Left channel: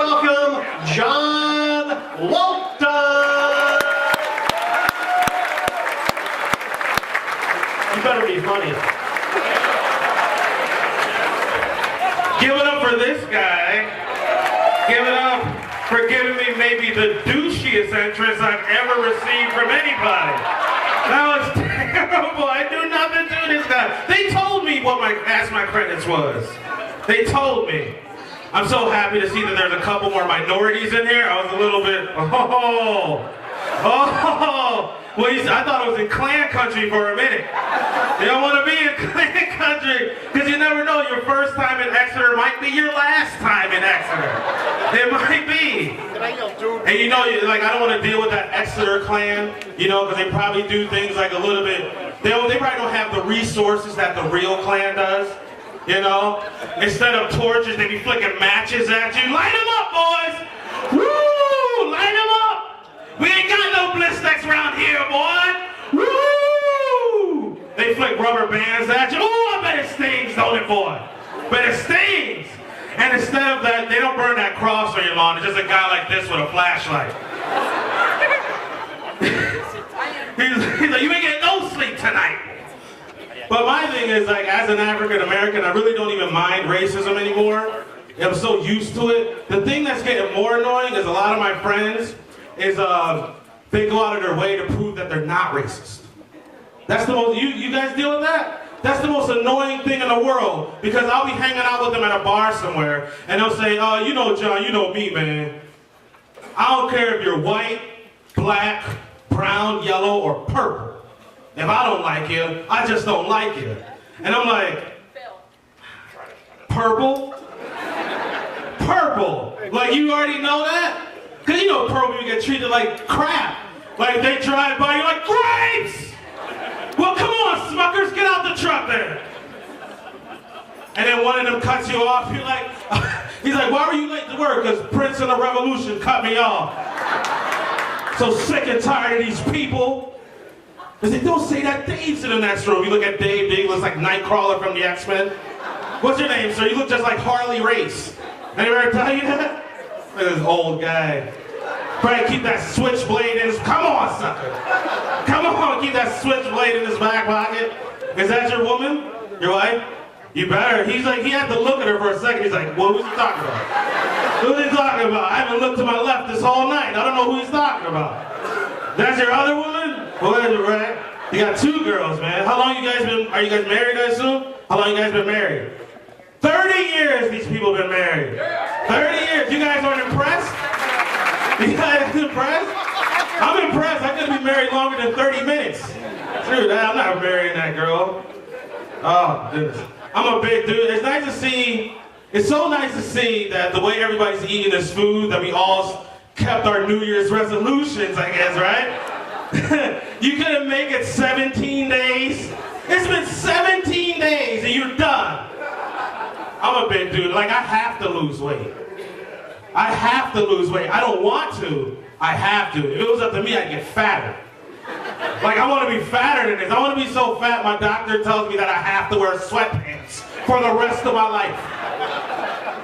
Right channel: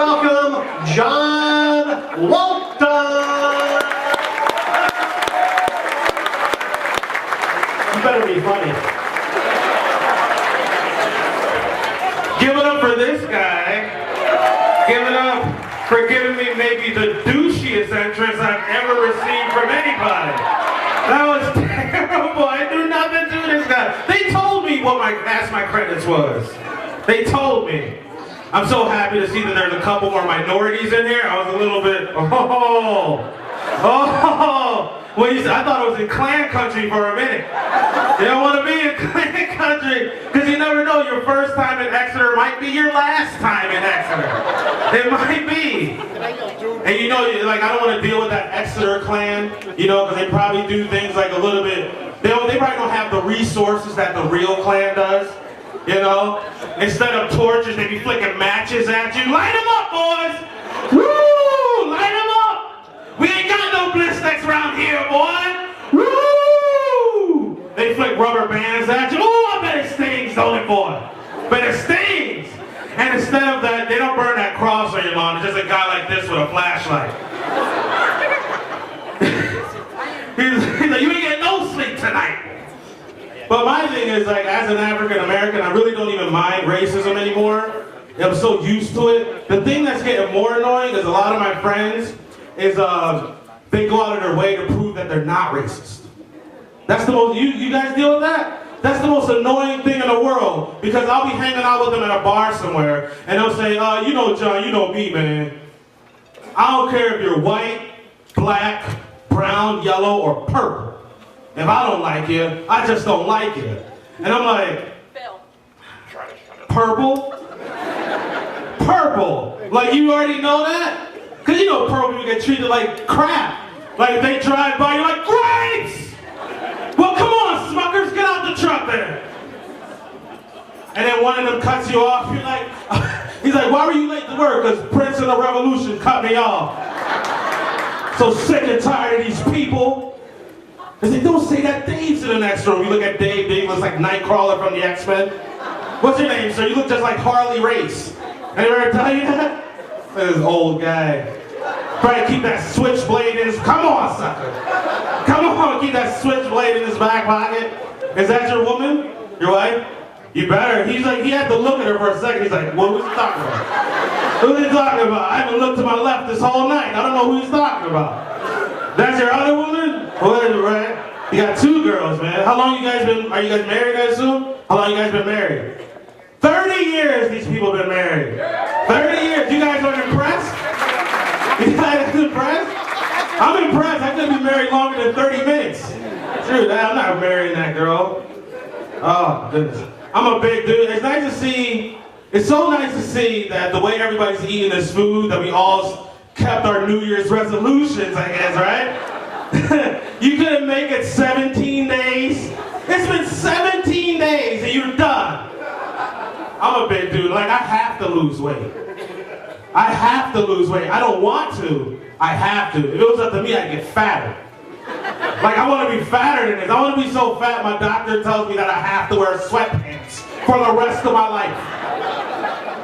welcome John Walton. You better be funny. Give it up for this guy. Give it up for giving me maybe the douchiest entrance I've ever received from anybody. That was terrible. I knew nothing to this guy. They told me what my credits was. They told me. I'm so happy to see that there's a couple more minorities in here. I was a little bit, Well, I thought it was in Klan country for a minute. You don't want to be in Klan country because you never know. Your first time in Exeter might be your last time in Exeter. It might be. And you know, like, I don't want to deal with that Exeter Klan, you know, because they probably do things like a little bit. They probably don't have the resources that the real Klan does. You know, instead of torches, they be flicking matches at you. Light them up, boys! Woo! Light them up! We ain't got no blistex around here, boy! Woo! They flick rubber bands at you. Oh, I bet it stings, don't it, boy? But it stings! And instead of that, they don't burn that cross on your lawn. It's just a guy like this with a flashlight. He's like, you ain't getting no sleep tonight. But my thing is, like, as an African American, I really don't even mind racism anymore. I'm so used to it. The thing that's getting more annoying is a lot of my friends is they go out of their way to prove that they're not racist. That's the most, you guys deal with that? That's the most annoying thing in the world, because I'll be hanging out with them at a bar somewhere, and they'll say, you know, John, you know me, man. I don't care if you're white, black, brown, yellow, or purple. If I don't like you, I just don't like you. And I'm like, purple? Purple? Like, you already know that? Because you know purple people get treated like crap. Like, they drive by, you're like, grapes! Well, come on, Smuckers, get out the truck there. And then one of them cuts you off, you're like, he's like, why were you late to work? Because Prince of the Revolution cut me off. So sick and tired of these people. They say, don't say that. Dave's in the next room. You look at Dave. Dave looks like Nightcrawler from the X-Men. What's your name, sir? You look just like Harley Race. Anyone ever tell you that? Look at this old guy. Try to keep that switchblade in his... Come on, sucker. Come on, keep that switchblade in his back pocket. Is that your woman? Your wife? You better. He's like, he had to look at her for a second. He's like, what was he talking about? Who's he talking about? I haven't looked to my left this whole night. I don't know who he's talking about. That's your other woman? Right? You got two girls, man. How long you guys been, are you guys married, I assume? How long you guys been married? 30 years these people have been married. 30 years. You guys aren't impressed? You guys impressed? I'm impressed. I couldn't be married longer than 30 minutes. True, I'm not marrying that girl. Oh, goodness. I'm a big dude. It's nice to see, it's so nice to see that the way everybody's eating this food, that we all kept our New Year's resolutions, I guess, right? You couldn't make it 17 days. It's been 17 days and you're done. I'm a big dude. Like, I have to lose weight. I have to lose weight. I don't want to. I have to. If it was up to me, I'd get fatter. Like, I want to be fatter than this. I want to be so fat, my doctor tells me that I have to wear sweatpants for the rest of my life.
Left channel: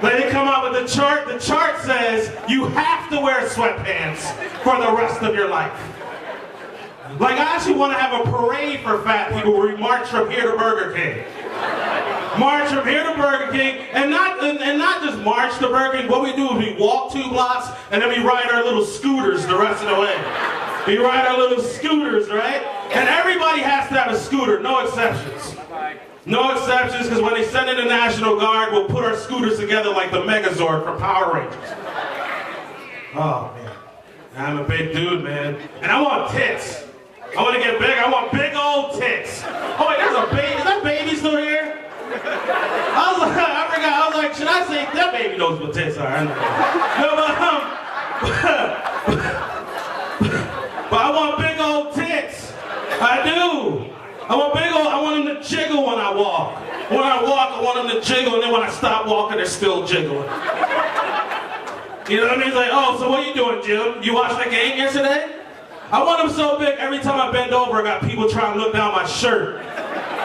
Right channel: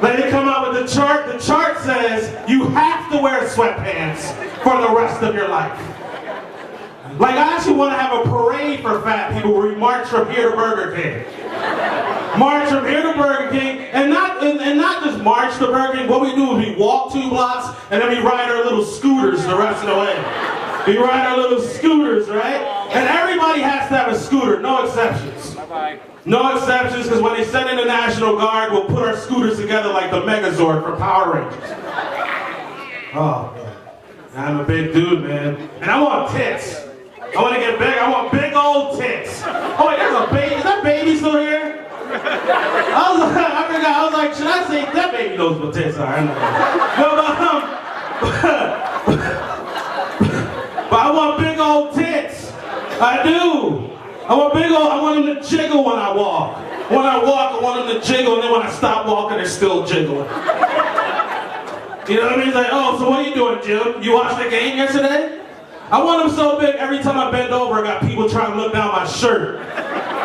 Like, they come out with the chart. The chart says you have to wear sweatpants for the rest of your life. Like, I actually want to have a parade for fat people where we march from here to Burger King. March from here to Burger King, and not just march to Burger King. What we do is we walk 2 blocks, and then we ride our little scooters the rest of the way. We ride our little scooters, right? And everybody has to have a scooter, no exceptions. No exceptions, because when they send in the National Guard, we'll put our scooters together like the Megazord for Power Rangers. Oh, man. I'm a big dude, man. And I want tits. I want to get big. I want big old tits. Oh, wait, there's a baby. Is that baby still here? I was like, should I say, that baby knows what tits are. No, but I want big old tits. I do. I want them to jiggle when I walk. When I walk, I want them to jiggle, and then when I stop walking, they're still jiggling. You know what I mean? It's like, oh, so what are you doing, Jim? You watched the game yesterday? I want them so big, every time I bend over, I got people trying to look down my shirt.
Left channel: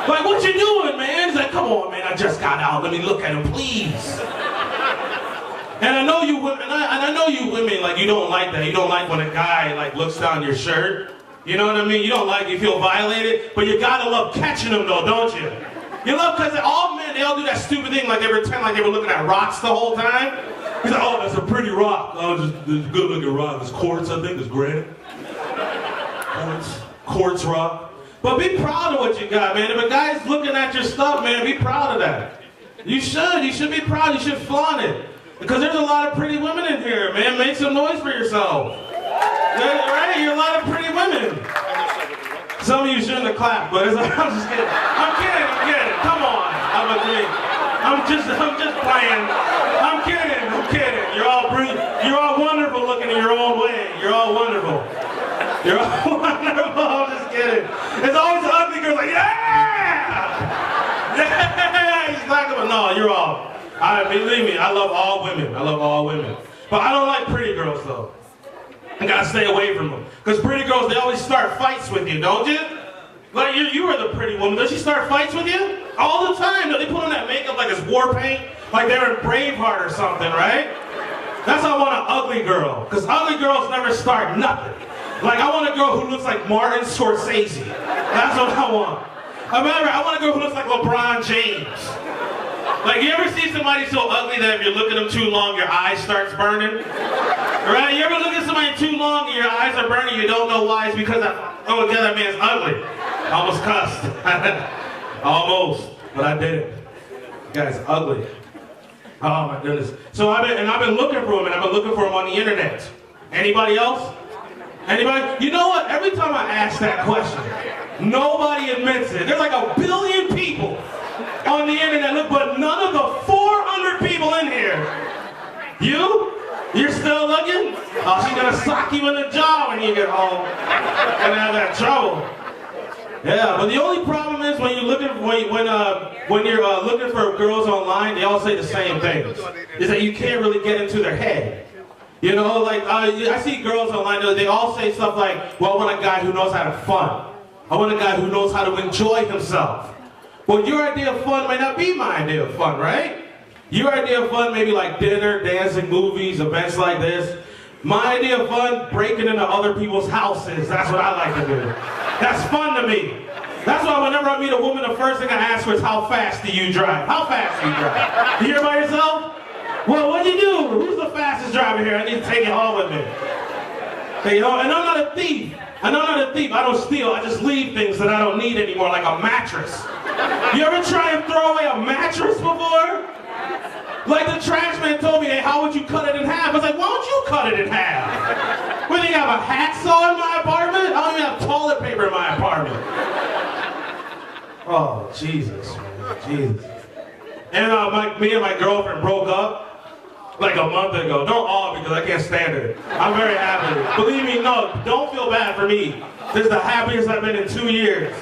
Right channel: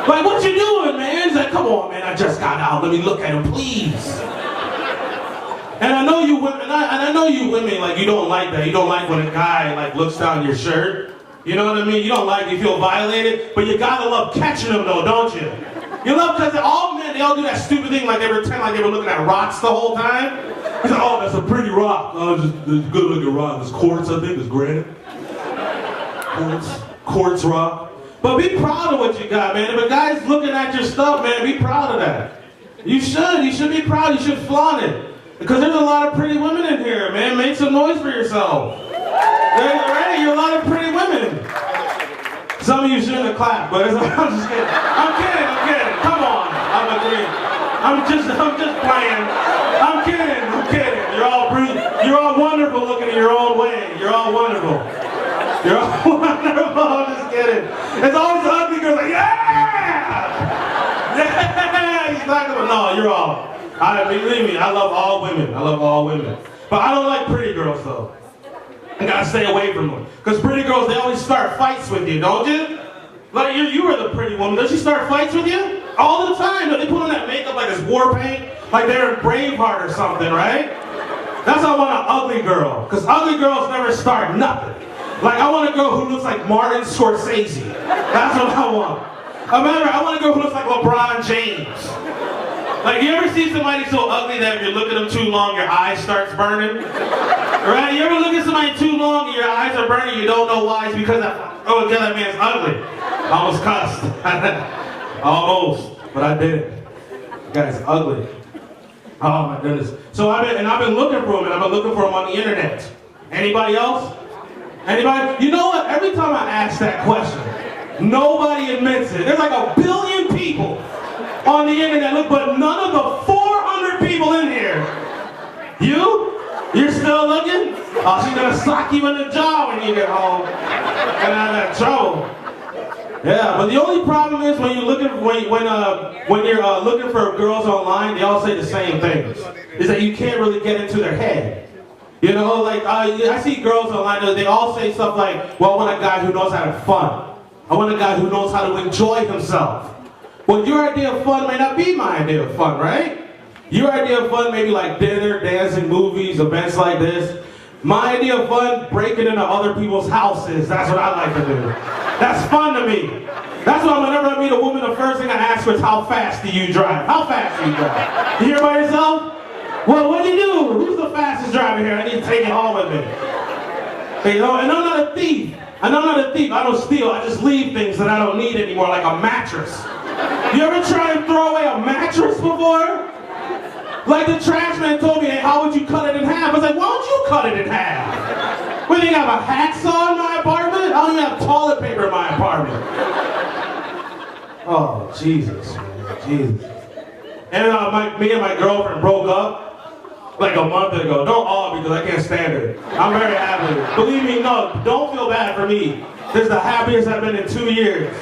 Like, what you doing, man? He's like, come on, man, I just got out. Let me look at him, please. And I know you women, and I know you women, like, you don't like that. You don't like when a guy, like, looks down your shirt. You know what I mean? You don't like, you feel violated, but you gotta love catching them though, don't you? You love, because all men, they all do that stupid thing, like they pretend like they were looking at rocks the whole time. He's like, oh, that's a pretty rock. Oh, just a good looking rock. It's quartz, I think, it's granite. Quartz rock. But be proud of what you got, man. If a guy's looking at your stuff, man, be proud of that. You should be proud, you should flaunt it. Because there's a lot of pretty women in here, man. Make some noise for yourself. Right? You're a lot of pretty women. Some of you shouldn't have clapped, but I'm just kidding. I'm kidding. Come on. I'm agreeing. I'm just playing. I'm kidding. You're all wonderful looking in your own way. You're all wonderful. You're all wonderful. I'm just kidding. It's always the ugly girls like, yeah! Yeah! Exactly. But no, you're all. Believe me, I love all women. But I don't like pretty girls though. I gotta stay away from them. Because pretty girls, they always start fights with you, don't you? Like, you are the pretty woman. Does she start fights with you? All the time. They put on that makeup like it's war paint, like they're in Braveheart or something, right? That's why I want an ugly girl. Because ugly girls never start nothing. Like, I want a girl who looks like Martin Scorsese. That's what I want. I want a girl who looks like LeBron James. Like, you ever see somebody so ugly that if you look at them too long, your eyes starts burning? Right? You ever look at somebody too long and your eyes are burning, you don't know why? It's because, that man's ugly. I almost cussed. Almost, but I didn't. The guy's ugly. Oh my goodness. So I've been looking for him, and I've been looking for him on the internet. Anybody else? Anybody? You know what? Every time I ask that question, nobody admits it. There's like 1 billion people on the internet, look, but none of the 400 people in here. You're still looking? Oh, she's gonna sock you in the jaw when you get home and have that trouble. Yeah, but the only problem is when you're looking for girls online, they all say the same things. Is that you can't really get into their head. You know, like I see girls online, they all say stuff like, well, I want a guy who knows how to have fun. I want a guy who knows how to enjoy himself. Well, your idea of fun may not be my idea of fun, right? Your idea of fun may be like dinner, dancing, movies, events like this. My idea of fun, breaking into other people's houses. That's what I like to do. That's fun to me. That's why whenever I meet a woman, the first thing I ask her is, how fast do you drive? How fast do you drive? You're by yourself? Well, what do you do? Who's the fastest driver here? I need to take it home with me. You know, and I'm not a thief. I don't steal. I just leave things that I don't need anymore, like a mattress. You ever try and throw away a mattress before? Like the trash man told me, hey, how would you cut it in half? I was like, why don't you cut it in half? What, do you have a hacksaw in my apartment? I don't even have toilet paper in my apartment. Oh, Jesus, man, Jesus. And me and my girlfriend broke up like a month ago. Don't all, because I can't stand it. I'm very happy. Believe me, no, don't feel bad for me. This is the happiest I've been in 2 years.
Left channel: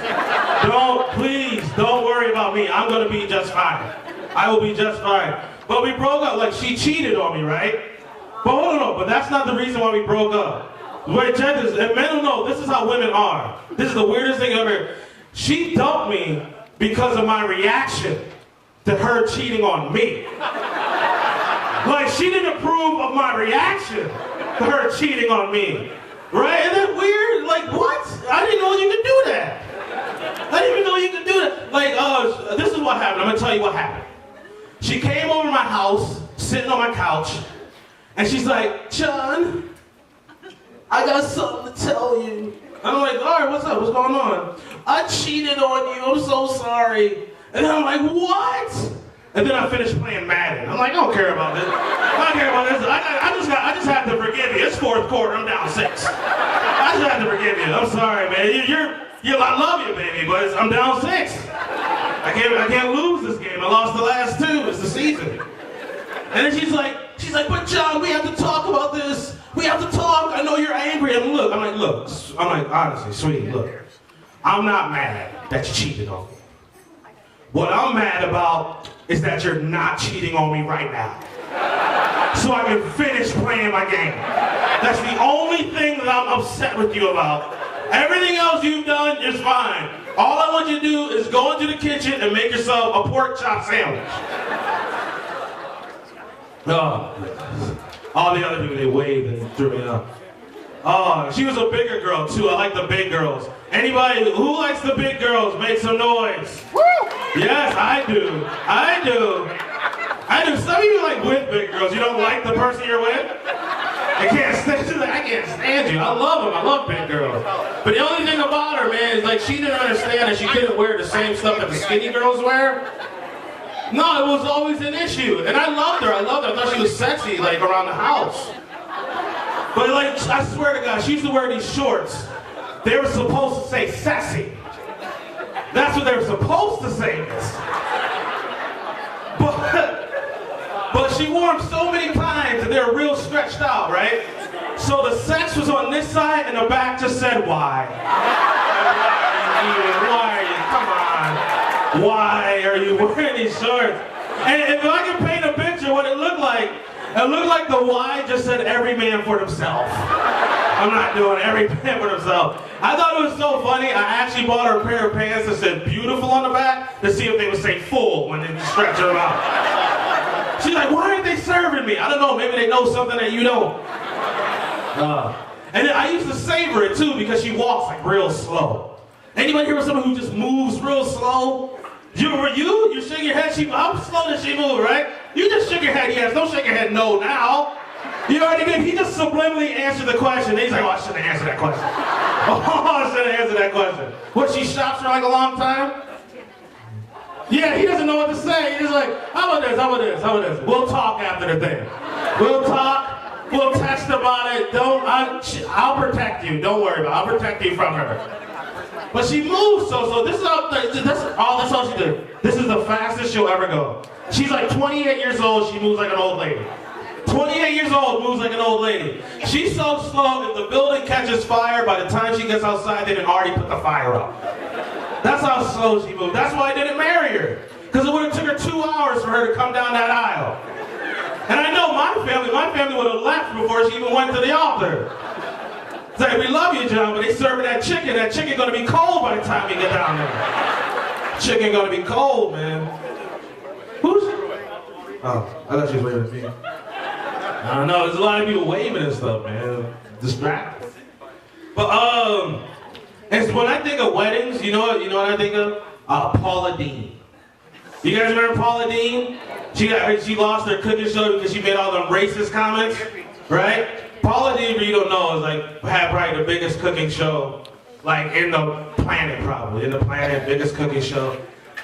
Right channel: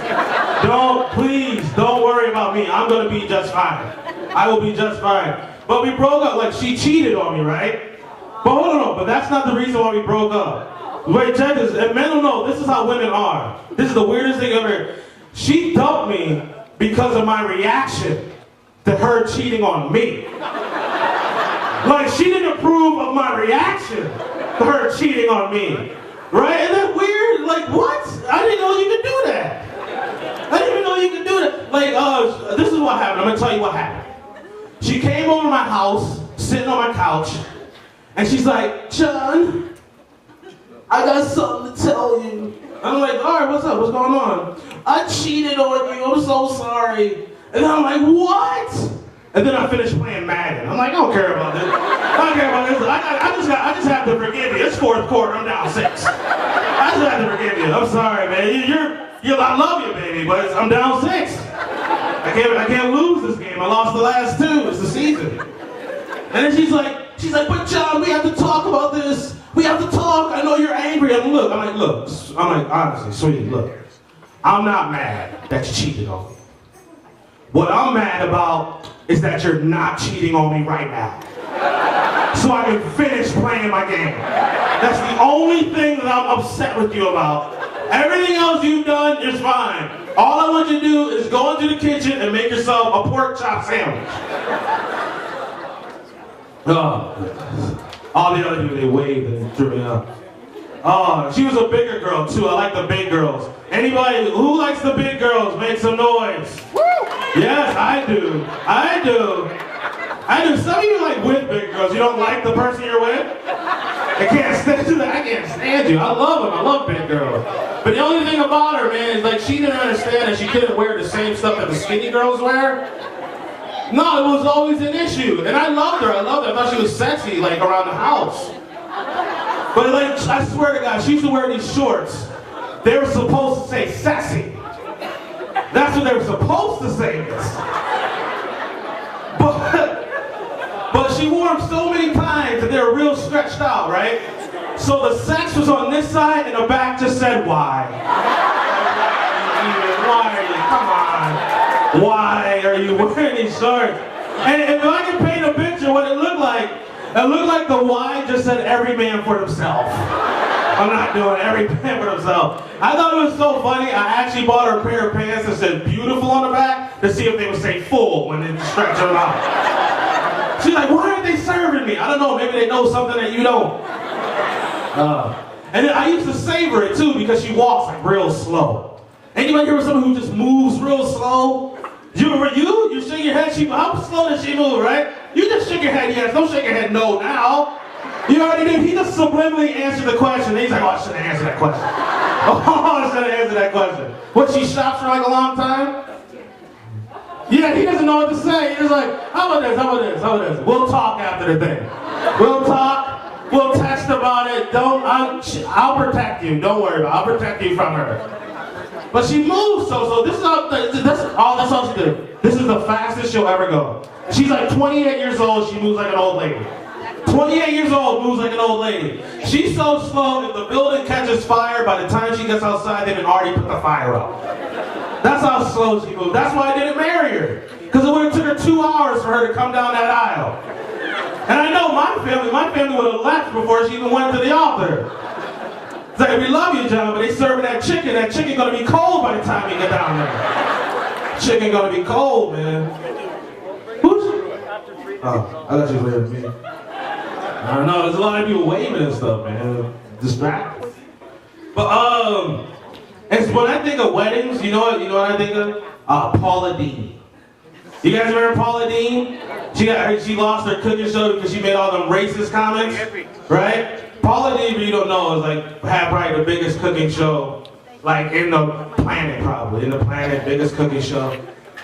Please, don't worry about me. I'm gonna be just fine. I will be just fine. But we broke up, like she cheated on me, right? But hold on, but that's not the reason why we broke up. Wait, check this, and men don't know, this is how women are. This is the weirdest thing ever. She dumped me because of my reaction to her cheating on me. Like, she didn't approve of my reaction to her cheating on me. Right? Isn't that weird? Like, what? I didn't know you could do that. I didn't even know you could do that. Like, this is what happened. I'm going to tell you what happened. She came over to my house, sitting on my couch, and she's like, John, I got something to tell you. I'm like, all right, what's up? What's going on? I cheated on you. I'm so sorry. And I'm like, what? And then I finished playing Madden. I'm like, I don't care about this. I don't care about this. I just have to forgive you. It's fourth quarter. I'm down 6. I just have to forgive you. I'm sorry, man. I love you, baby, but I'm down 6. I can't lose this game. I lost the last 2. It's the season. And then she's like, but John, we have to talk about this. We have to talk. I know you're angry. I'm like, honestly, sweetie, look. I'm not mad that you cheated on me. What I'm mad about is that you're not cheating on me right now. So I can finish playing my game. That's the only thing that I'm upset with you about. Everything else you've done is fine. All I want you to do is go into the kitchen and make yourself a pork chop sandwich. All the other people, they waved and threw me up. Oh, she was a bigger girl too. I like the big girls. Anybody who likes the big girls, make some noise. Woo! Yes, I do. I do. Some of you like with big girls. You don't like the person you're with? I can't stand you. I can't stand you. I love them. I love big girls. But the only thing about her, man, is like she didn't understand that she couldn't wear the same stuff that the skinny girls wear. No, it was always an issue. And I loved her. I thought she was sexy, like around the house. But like, I swear to God, she used to wear these shorts. They were supposed to say sassy. That's what they were supposed to say. But she wore them so many times that they were real stretched out, right? So the sex was on this side and the back just said, why? Why are you wearing these shorts? And if I can paint a picture what it looked like the Y just said every man for themselves. I'm not doing every man for themselves. I thought it was so funny, I actually bought her a pair of pants that said beautiful on the back to see if they would say full when they stretch them out. She's like, why aren't they serving me? I don't know, maybe they know something that you don't. And then I used to savor it too because she walks like real slow. Anybody here with someone who just moves real slow? You shake your head, how slow does she move, right? You just shake your head, yes, don't shake your head no now. You already did, he just subliminally answered the question. He's like, oh, I shouldn't answer that question. Oh, I shouldn't answer that question. What, she stops for like a long time? Yeah, he doesn't know what to say. He's like, how about this? We'll talk after the thing. We'll talk, we'll text about it. I'll protect you, don't worry about it. I'll protect you from her. But she moves, so this is all she did. This is the fastest she'll ever go. She's like 28 years old, she moves like an old lady. 28 years old, moves like an old lady. She's so slow, if the building catches fire, by the time she gets outside, they've already put the fire out. That's how slow she moved. That's why I didn't marry her. Because it would have took her 2 hours for her to come down that aisle. And I know my family would have left before she even went to the altar. It's like, we love you, John, but they serving that chicken gonna be cold by the time you get down there. Chicken gonna be cold, man. Who's? Oh, I thought she was waving at me. I don't know, there's a lot of people waving and stuff, man. Distracted. But, and when I think of weddings, you know what I think of? Paula Deen. You guys remember Paula Deen? She lost her cooking show because she made all them racist comments, right? Paula Deen, if you don't know, is like had probably the biggest cooking show, like in the planet, biggest cooking show.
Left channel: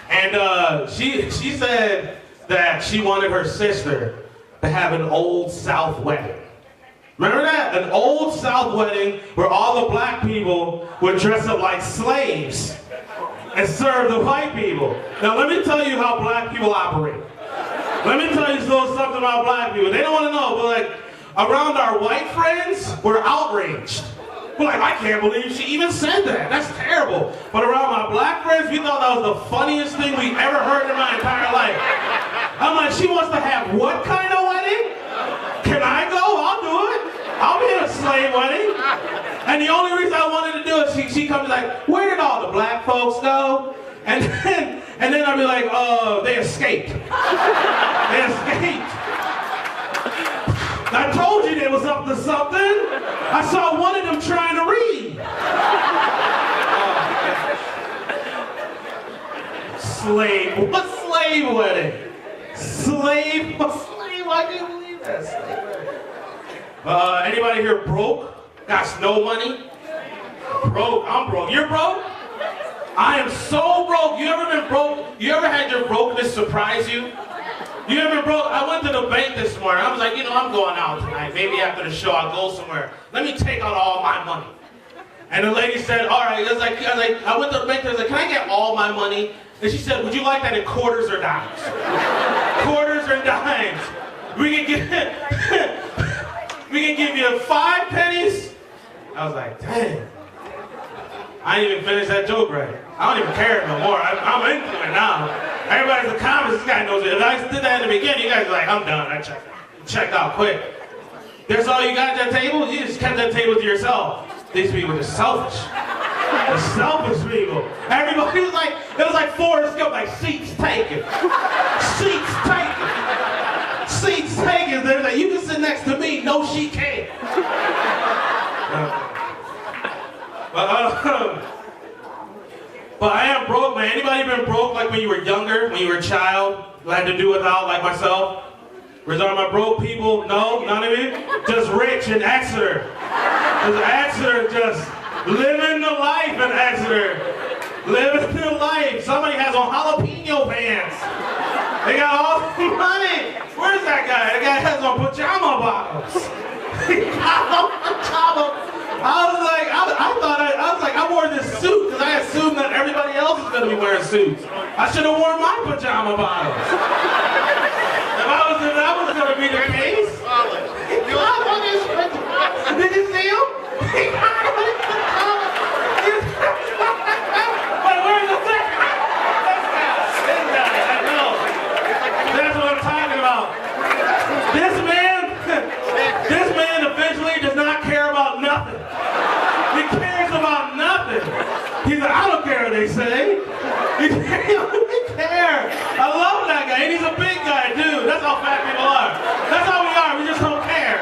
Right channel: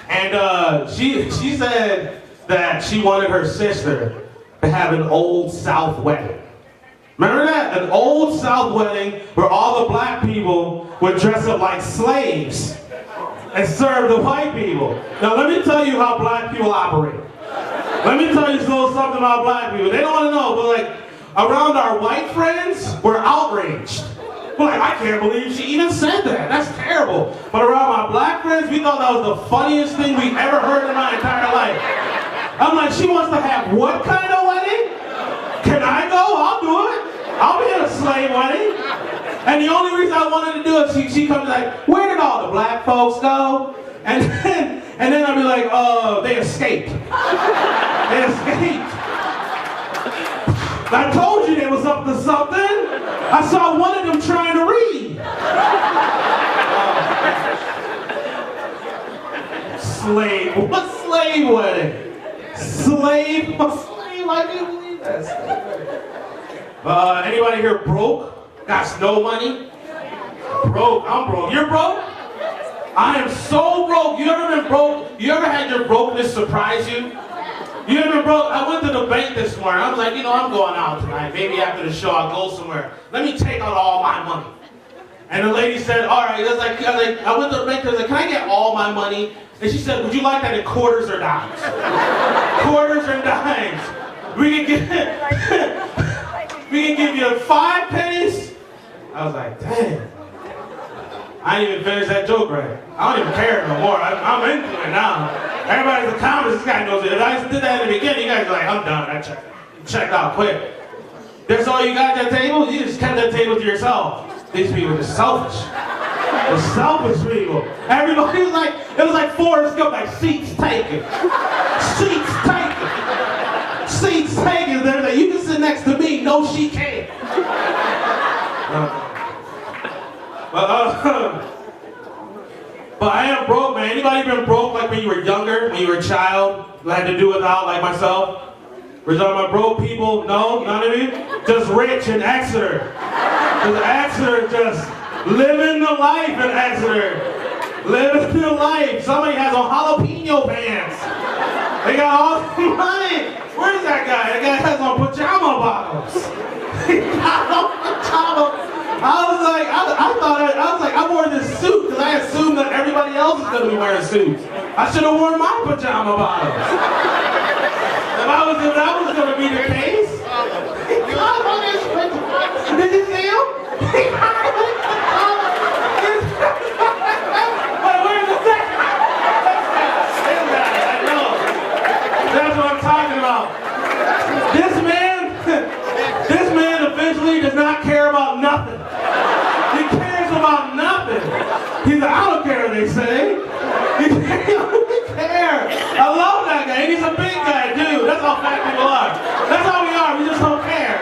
And she said that she wanted her sister to have an Old South wedding. Remember that? An Old South wedding where all the black people would dress up like slaves and serve the white people. Now let me tell you how black people operate. Let me tell you something about black people. They don't want to know, but like, around our white friends, we're outraged. We're like, I can't believe she even said that. That's terrible. But around my black friends, we thought that was the funniest thing we ever heard in my entire life. I'm like, she wants to have what kind of wedding? Can I go? I'll do it. I'll be in a slave wedding. And the only reason I wanted to do it, she comes like, where did all the black folks go? And then I'll be like, oh, they escaped. They escaped. I told you they was up to something. I saw one of them trying to read. Slave. What slave wedding? Slave? I can't believe that. Anybody here broke? Got no money? Broke. I'm broke. You're broke? I am so broke. You ever been broke? You ever had your brokenness surprise you? You ever broke? I went to the bank this morning. I was like, I'm going out tonight. Maybe after the show I'll go somewhere. Let me take out all my money. And the lady said, all right. I went to the bank. I was like, can I get all my money? And she said, would you like that in quarters or dimes? Quarters or dimes? We can give you 5 pennies. I was like, dang. I didn't even finish that joke right. I don't even care no more. I'm into it now. Everybody's in the comments, this guy knows it. If I did that in the beginning, you guys are like, I'm done. I checked out quick. That's all you got at that table? You just kept that table to yourself. These people are selfish. They're selfish people. Everybody was like, it was like Forrest Gump, like seats taken. Seats taken. Seats taken. next to me, no, she can't. But I am broke, man. Anybody been broke like when you were younger, when you were a child, had to do without, like myself? We're talking about broke people? No, none of you? Just rich in Exeter. Because Exeter just living the life in Exeter. Living the life. Somebody has on jalapeno pants. They got all the money. Where's that guy? That guy has on pajama bottoms. He got on pajama. I was like, I wore this suit because I assumed that everybody else is going to be wearing suits. I should have worn my pajama bottoms. If that was going to be the case. He got on his pajamas. Did you see him? He got on his pajamas. Where's the thing? I know. That's what I'm talking about. This man eventually does not care about nothing. He cares about nothing. He's like, I don't care what they say. He doesn't care. I love that guy. And he's a big guy, dude. That's how fat people are. That's how we are. We just don't care.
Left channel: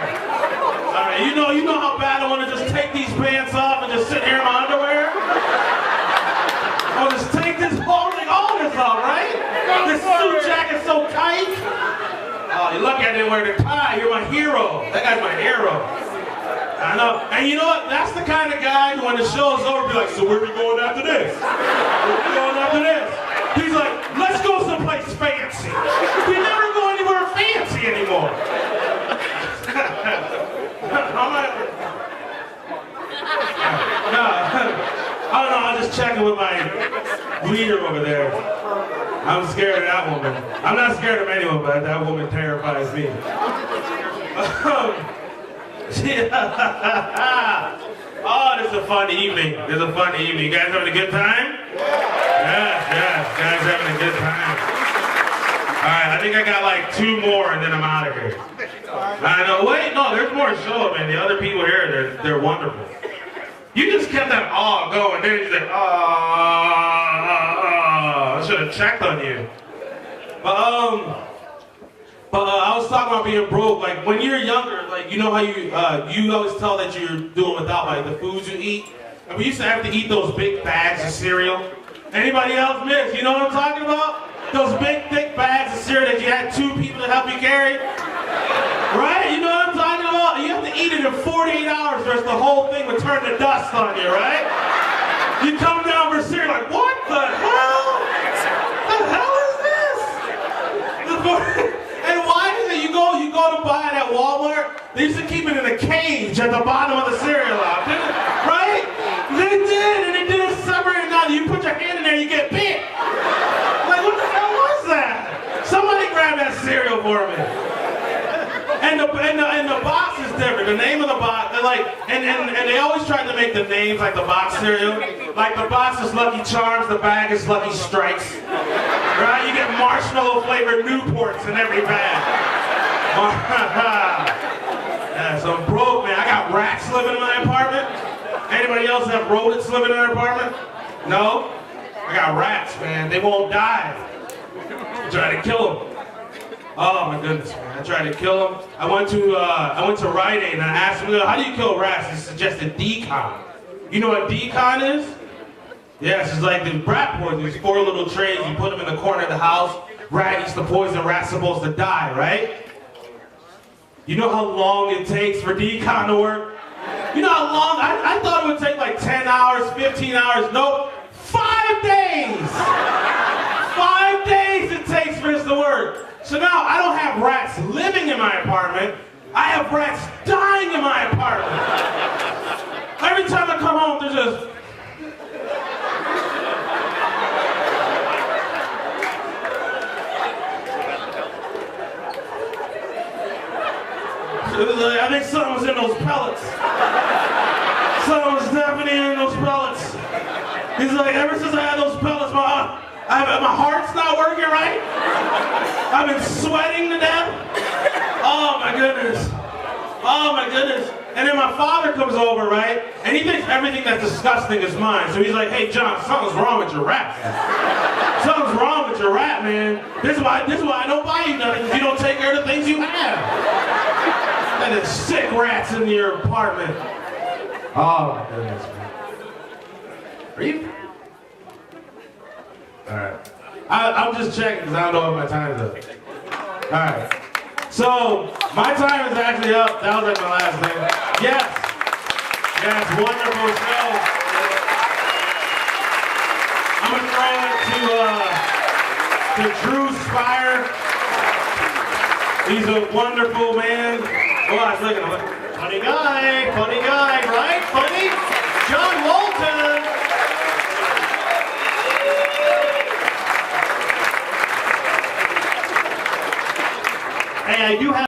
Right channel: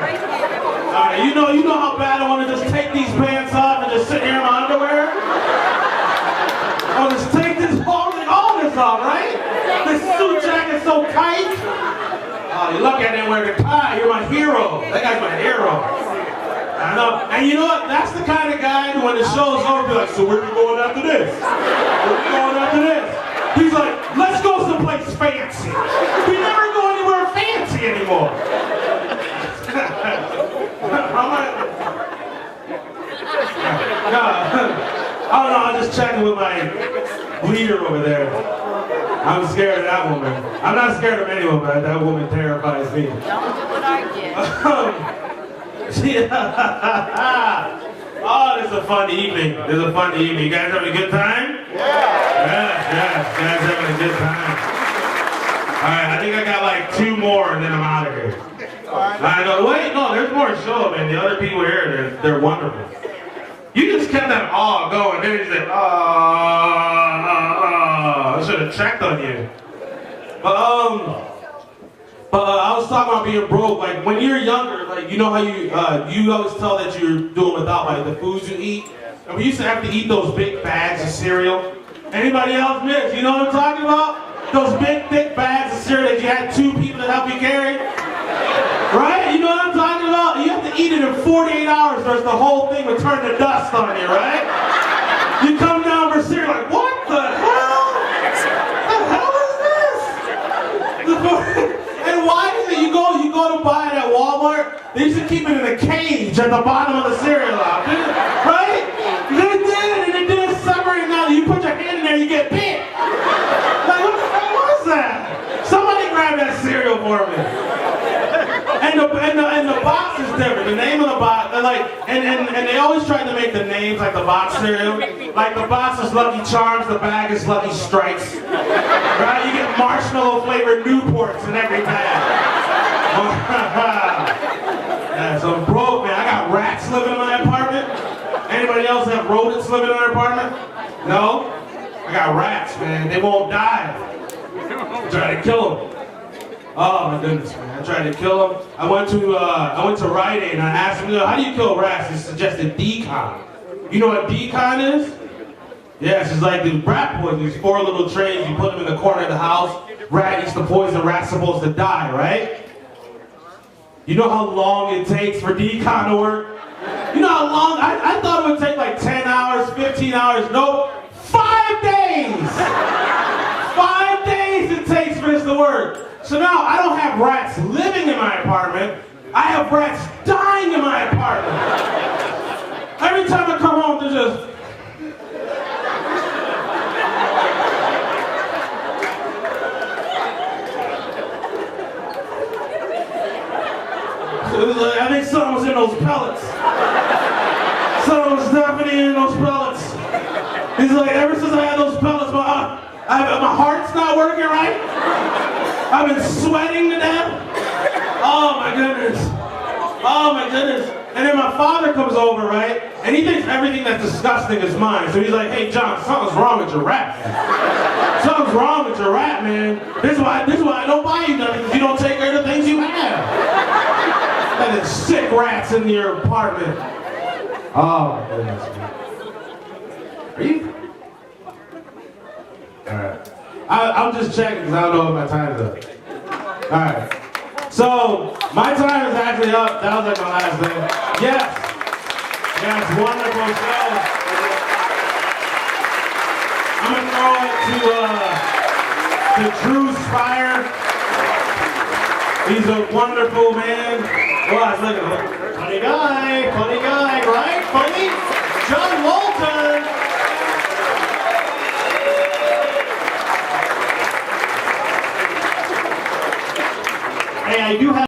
You know how bad I want to just take these pants off and just sit here in my underwear? I'll just take this whole thing, all this off, right? This suit jacket's so tight. Oh, you lucky I didn't wear the tie. You're my hero. That guy's my hero. I know. And you know what? That's the kind of guy who when the show's over, be like, so where are we going after this? Where are we going after this? He's like, let's go someplace fancy. We never go anywhere fancy anymore. Oh no, I'm just checking with my leader over there. I'm scared of that woman. I'm not scared of anyone, but that woman terrifies me. Oh, this is a fun evening. This is a fun evening. You guys having a good time? Yeah. Yes, you guys having a good time. All right, I think I got like 2 more and then I'm out of here. I know. Wait, no, there's more to show, man. The other people here, they're wonderful. You just kept that awe going. Then you said, I should have checked on you. But I was talking about being broke. Like when you're younger, like you know how you always tell that you're doing without like the foods you eat. And we used to have to eat those big bags of cereal. Anybody else miss? You know what I'm talking about? Those big thick bags of cereal that you had 2 people to help you carry. Right? You know what I'm talking about? You have to eat it in 48 hours or else the whole thing would turn to dust on you, right? You come down for cereal like, what the hell? The hell is this? And why is it you go to buy it at Walmart, they used to keep it in a cage at the bottom of the cereal aisle, right? They did, and it didn't separate. Now you put your hand in there, you get bit. Like, what the hell was that? Somebody grab that cereal for me. And the box is different. The name of the box, they're like, and they always try to make the names like the box cereal. Like the box is Lucky Charms, the bag is Lucky Strikes. Right? You get marshmallow flavored Newports in every bag. Yeah, so I'm broke, man. I got rats living in my apartment. Anybody else have rodents living in their apartment? No? I got rats, man. They won't die. Try to kill them. Oh my goodness, man! I tried to kill them. I went to Rite Aid and I asked him, how do you kill rats? He suggested decon. You know what decon is? Yes, it's like the rat poison. These 4 little trays. You put them in the corner of the house. Rat eats the poison. Rat's supposed to die, right? You know how long it takes for decon to work? You know how long? I thought it would take like 10 hours, 15 hours. Nope, 5 days. 5 days it takes for this to work. So now I don't have rats living in my apartment. I have rats dying in my apartment. Every time I come home, they're just... I think something was in those pellets. Something was definitely in those pellets. He's like, ever since I had those pellets, my heart's not working right. I've been sweating to death. Oh my goodness. Oh my goodness. And then my father comes over, right? And he thinks everything that's disgusting is mine. So he's like, hey John, something's wrong with your rat. Something's wrong with your rat, man. This is why I don't buy you nothing, because you don't take care of the things you have. There's sick rats in your apartment. Oh my goodness. Are you? Alright. I'm just checking because I don't know if my time's up. Alright. So, my time is actually up. That was like my last thing. Yes. Yes, wonderful show. I'm going to throw it to Drew Spire. He's a wonderful man. Watch, look at him. Funny guy, funny guy.